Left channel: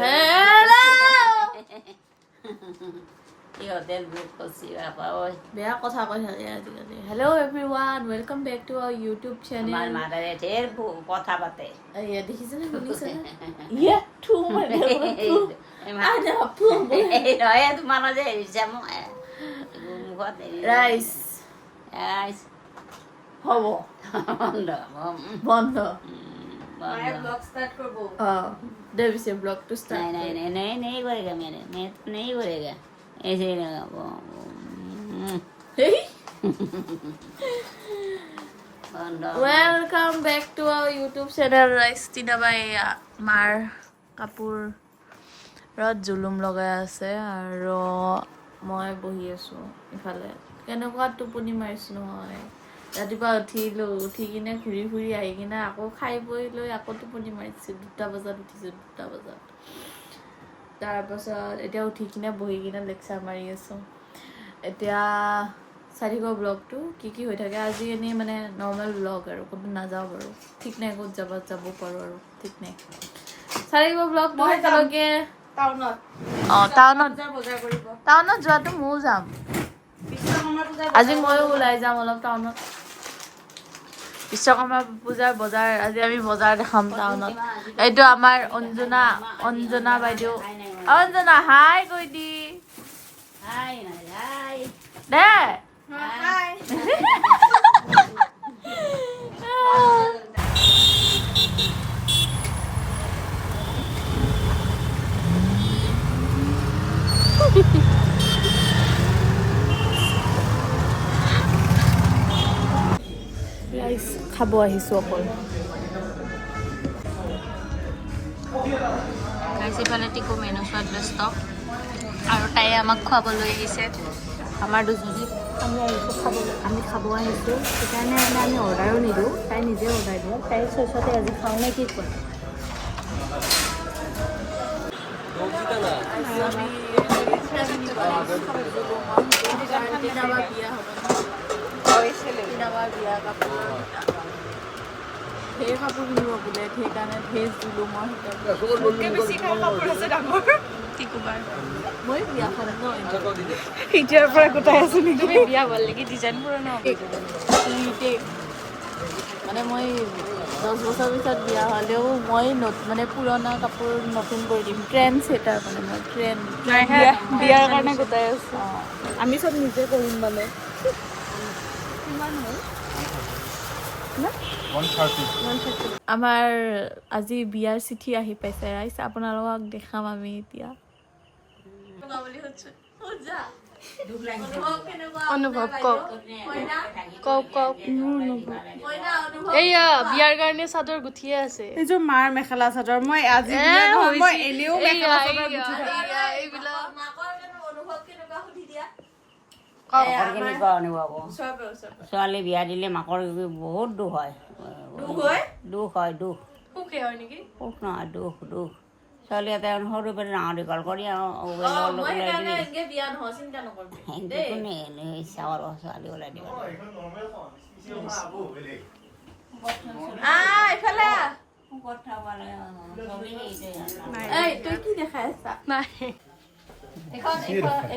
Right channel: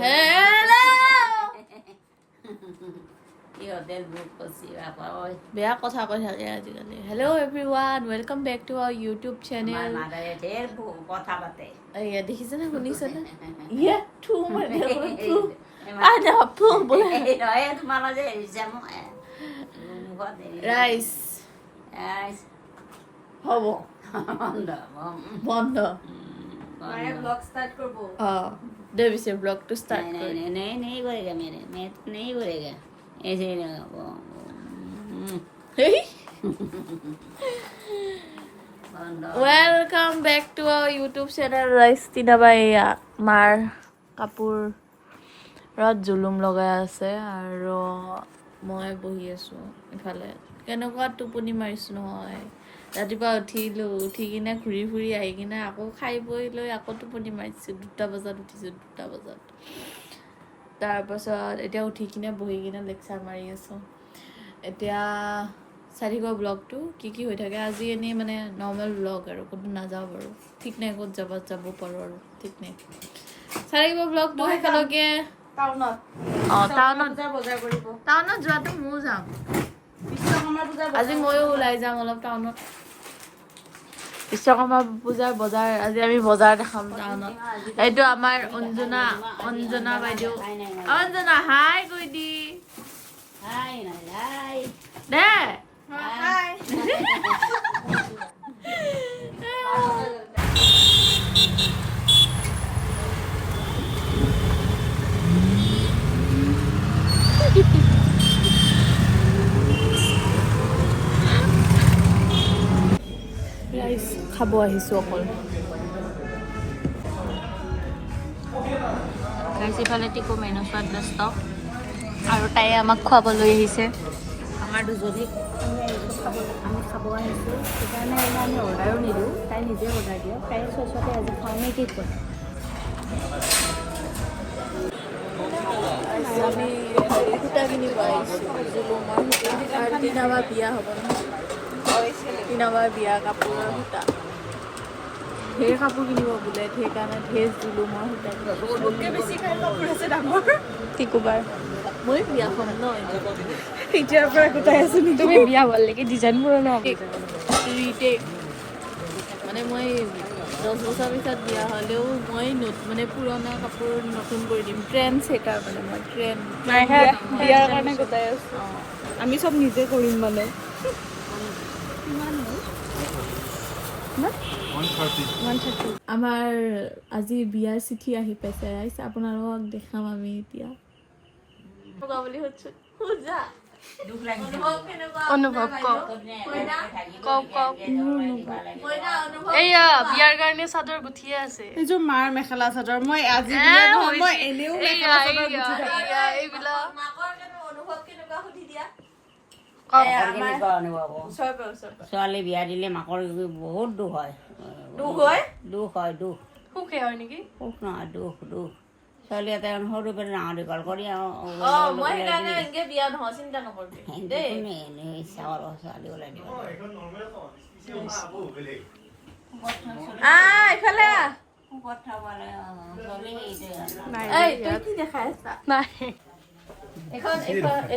Hello! বেয়া কথা কৈ থাকে আজিকালি hello' everyone welcome back to our YouTube channel কথা পাতে এয়া দেখিছেনে শুনিছেনে ইয়া থু মানে থু আদা থু বলে তোমাৰ যে এৰিছে মোক ৰাইস হ'ব বন্ধ माया ब्लॉग स्टार्ट कर वो दे विषय ब्लॉग टू स्टार्ट नहीं करेगा मेरे मैं नहीं करेगा ऐसे नहीं वो welcome back to our YouTube channel rice তিনাবাই মাৰ কাপোৰত জুলুম লগাই আছে আৰু মই বহি আছো ইফালে কেনেকুৱা টোপনি মাৰিছো নহয় ৰাতিপুৱা উঠি কিনে ঘূৰি ফুৰি আহি কিনে আকৌ খাই বৈ লৈ আকৌ টোপনি মাৰিছোঁ 2টা বজাত উঠিছোঁ 2টা বজাত তাৰপাছত এতিয়া উঠি কিনে বহি কিনে লেকচাৰ মাৰি আছোঁ এতিয়া চাই থাকিব ব্লগটো কি হৈ থাকে আজি এনেই মানে নৰ্মেল ব্লগ আৰু ক'তো নাযাওঁ বাৰু ঠিক নাই ক'ত যাব পাৰোঁ আৰু ঠিক নাই চাই থাকিব ব্লগটো একেলগে টাউনত যোৱাটো ময়ো যাম আজি ময়ো ওলাই যাম অলপ টাউনত বিশ্বকৰ্মা পূজাৰ বজাৰ আজি আমি বজাৰ দেখাম টাউনত এইটো আমাৰ অঞ্জনা বাইদেউ অঞ্জনা হাই কৈ দি দে হাই ৰাইচ খাব আহিছোঁ অকল ৰাইচ ইফালে টিকু মেনু চোৱাত ব্যস্ত আৰু তাই আমাক খুৱাবলৈ আহিছে আমাৰ দুজনী আমি খাব আহিছোঁ সেইকাৰণে মানে আমি অৰ্ডাৰো নিদিওঁ তাই নিজে অৰ্ডাৰ দিয়ে তাই চইচতে আজি খাওঁ নে কি কয় আমি সূতা কিনিব আহিছোঁ তিনাবাৰ বিয়া হ'ব তিনাবাৰ বিয়া কাপোৰ ঢেৰ কাপোৰ কিনিব বোলে সেইকাৰণে ঢেৰ দিলোঁ মই টিকুবাৰ মই বিয়াখন ন এতিয়াৰ পৰা গোটাই আছোঁ নেকি বিয়া ভাল লাগে ডিজাইনবোৰ ন মানে মই 10 বছৰ পিছত বিয়া হ'লেও মই মানে পুৰণা কাপোৰ নতুন কৰি দিম ট্ৰেণ্ড ছেটাৰ মানে মই ট্ৰেণ্ড বিয়াৰ কাৰণে গোটাই আছোঁ আমি চব নিজে কৰিম মানে আমাৰ আজি বিয়াৰ চিঠি আহি পাইছে ৰাইজ আপোনালোকক দেখাম আমি এতিয়া অনুভৱ কওক এইয়া বিয়াৰ কাৰণে চাদৰ গুঠিয়ে আছে এইযোৰ মাৰ মেখেলা চাদৰ মই আজি বিয়া নহয় মই এনেও মেখেলা চাদৰ গুঠি থাকো এইবিলাক ছোৱালী বিয়া দিলে মাকৰ বহুত দুখ হয় সুখে হয় নেকি সুখ নহয় দুখ ছোৱালী এটা সৰু পৰা ডাঙৰ দীঘল কৰি ছোৱালী ওলাই দিব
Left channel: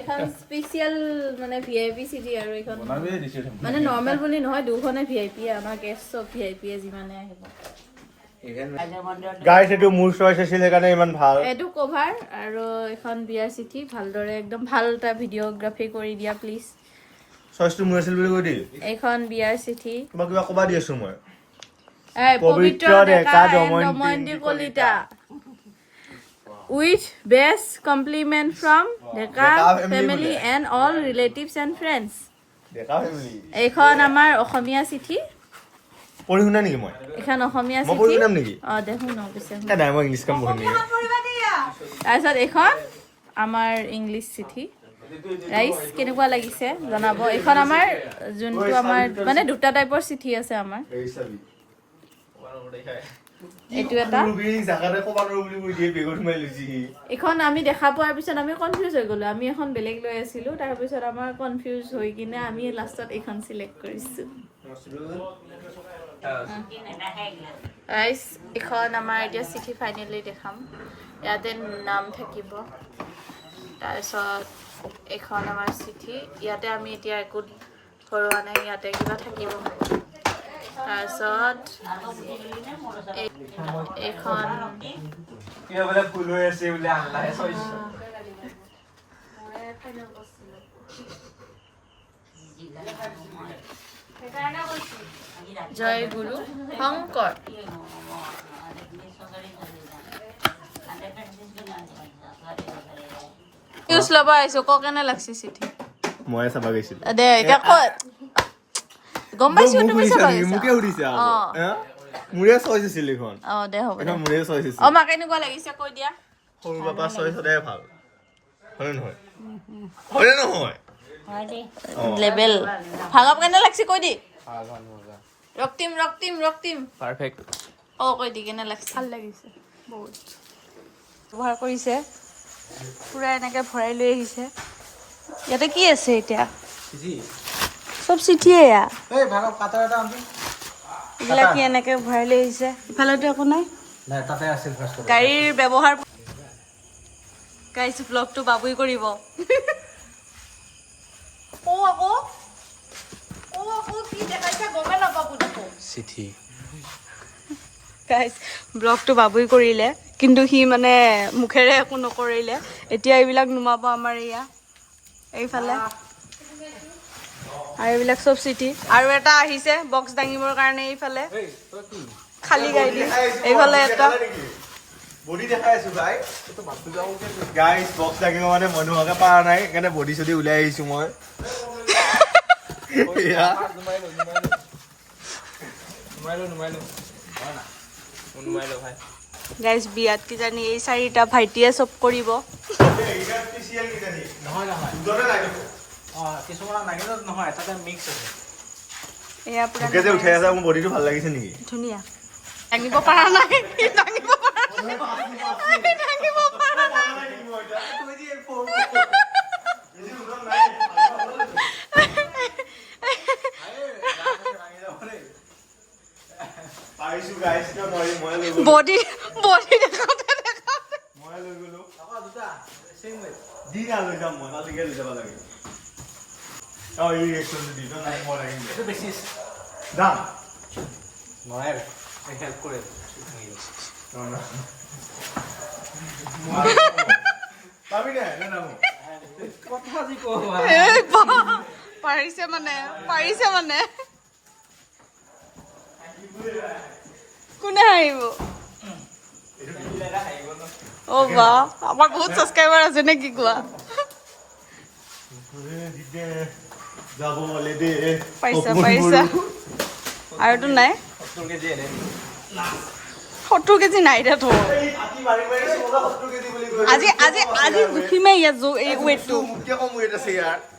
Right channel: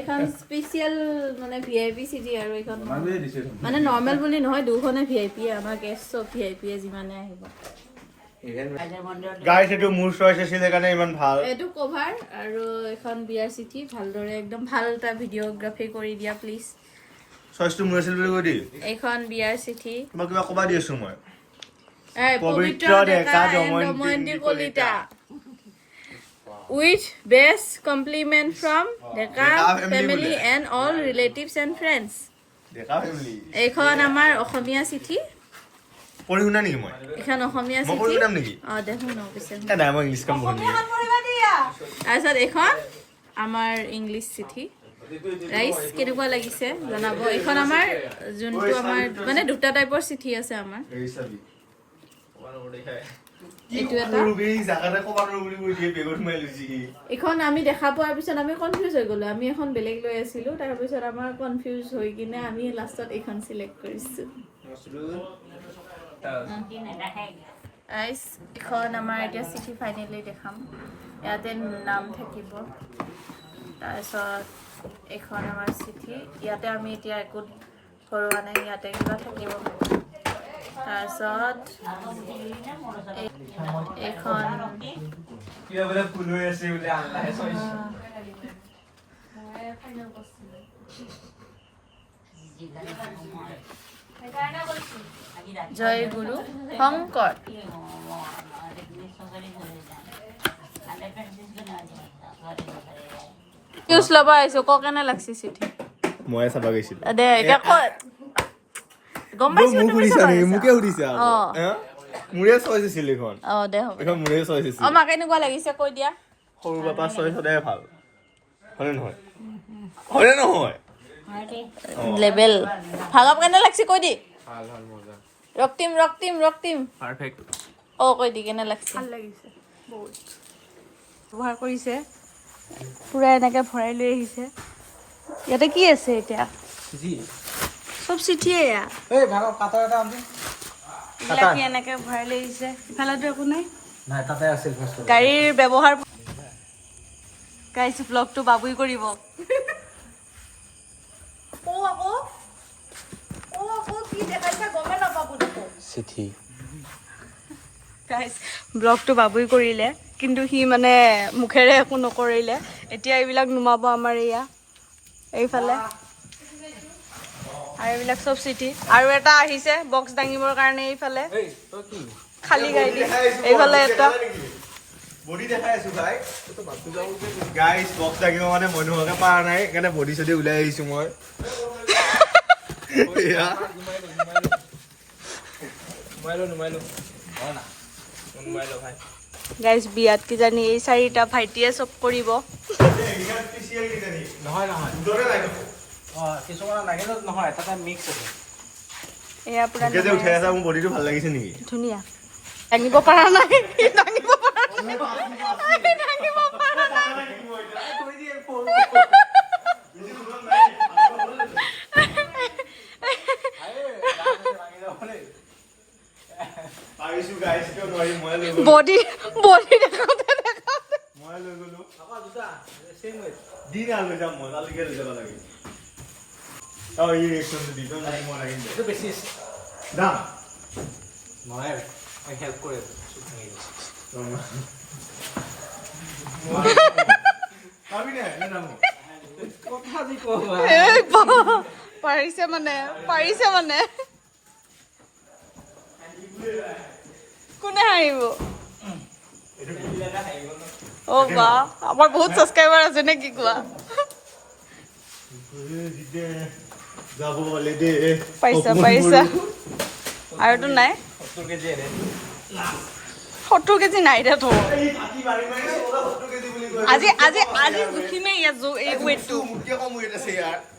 এখন স্পেচিয়েল মানে VIP চিটি আৰু এইখন মানে নৰ্মেল বুলি নহয় দুখনে VIP আমাৰ গেষ্ট চব VIP যিমানে আহিব এইটো কভাৰ আৰু এখন বিয়াৰ চিঠি ভালদৰে একদম ভাল এটা ভিডিঅ'গ্ৰাফি কৰি দিয়া প্লিজ এইখন বিয়াৰ চিঠি পবিত্ৰ ডেকা and Damayanti Kalita with best compliment from Deka family and all relatives and friends এইখন আমাৰ অসমীয়া চিঠি পঢ়ি শুনা নেকি মই এখন অসমীয়া মই চিঠি পঢ়ি শুনাম নেকি দেখোন ন পিছে নাই মই ইংলিছ কাম পঢ়িম তাৰপিছত এইখন আমাৰ ইংলিছ চিঠি ৰাইচ কেনেকুৱা লাগিছে জনাব এইখন আমাৰ যোনটো আমাৰ মানে দুটা টাইপৰ চিঠি আছে আমাৰ এইটো এটা এইখন আমি দেখা পোৱাৰ পিছত আমি কনফিউজ হৈ গ'লো আমি এখন বেলেগ লৈ আছিলোঁ তাৰপিছত আমাৰ কনফিউজ হৈ কিনে আমি লাষ্টত এইখন চিলেক্ট কৰিছোঁ ৰাইচ এখন আমাৰ এতিয়া চিঠি ফাইনেলি দেখাম ইয়াতে নাম থাকিব তাৰপিছত এইখন আমাৰ চিঠি ইয়াতে আমি এতিয়া একো ভৰোৱা নাই ইয়াতে কিবা থাকিব তাৰপিছত এইখন জয় গুৰু শংকৰ নিউজ ল'ব আহিছো ক কেনে লাগছে চিঠি মই চাবা গৈছিলো দে এতিয়া ক'ত গম পাইছো তুমি চাবা মোকে সুধিছে মোৰে চইচ আছিল এখন দে হ'ব এখন মোৰে চইচ আছিল মাক কেনেকুৱা লাগিছে কৈ দিয়া সৰু বাপা চইচ সদায় ভাল হয় নহয় হয় নহয় লেভেল ভাগব কেনে লাগছে কৈ দি ৰক্তিম পাৰফেক্ট কৈ দি কেনে লাগছে ভাল লাগিছে বহুত ব্যৱহাৰ কৰিছে পুৰা এনেকে ভৰাই লৈ আহিছে ইয়াতে কি আছে এতিয়া চব চিঠিয়ে এয়া এইবিলাক কি এনেকে ভৰাই লৈ আহিছে ইফালেতো একো নাই গাড়ীৰ ব্যৱহাৰ গাইছ ব্লগটো বাবুই কৰিব চিঠি গাইছ ব্লগটো বাবুই কৰিলে কিন্তু সি মানে মুখেৰে একো নকৰিলে এতিয়া এইবিলাক নুমাব আমাৰ এয়া এইফালে আৰু এইবিলাক চব চিঠি আৰু এটা আহিছে বক্স দাঙিবৰ কাৰণে এইফালে খালী গাড়ী এইফালে এটা বডি দেখাই আছো ভাই গাইস বক্স লাগিব মানে মই নোহোৱাকে পাৰা নাই সেইকাৰণে বডি চডি ওলাই আহিছো মই গাইজ বিয়াত কিজানি এই চাৰিটা ভাইটিয়ে চব কৰিব এয়া পুৰা মোৰ বডিটো ভাল লাগিছে নেকি ধুনীয়া দাঙিব পৰা নাই দাঙিব পৰা নাই দাঙিব পৰা নাই বডি বডি দেখাওঁতে দেখাওঁতে মই লৈ গলো দিন লৈ যাম মই তালৈকে লৈ যাব লাগে এই ৰিয়েকশ্যনটো দি দিওঁ নাই মই লাগিম এইটো বেছি যাম মই হেল্প কৰে পাৰিছে মানে কোনে আহিব বা আমাৰ বহুত ছাবস্ক্ৰাইবাৰ আছে নে কি কোৱা যাব বলে দে পাৰিছা আৰুতো নাই 70 কেজি নাই দে থ আজি জুখিমেই ইয়াত এই ৱেটটো কম ৱেট আছে ইয়াৰ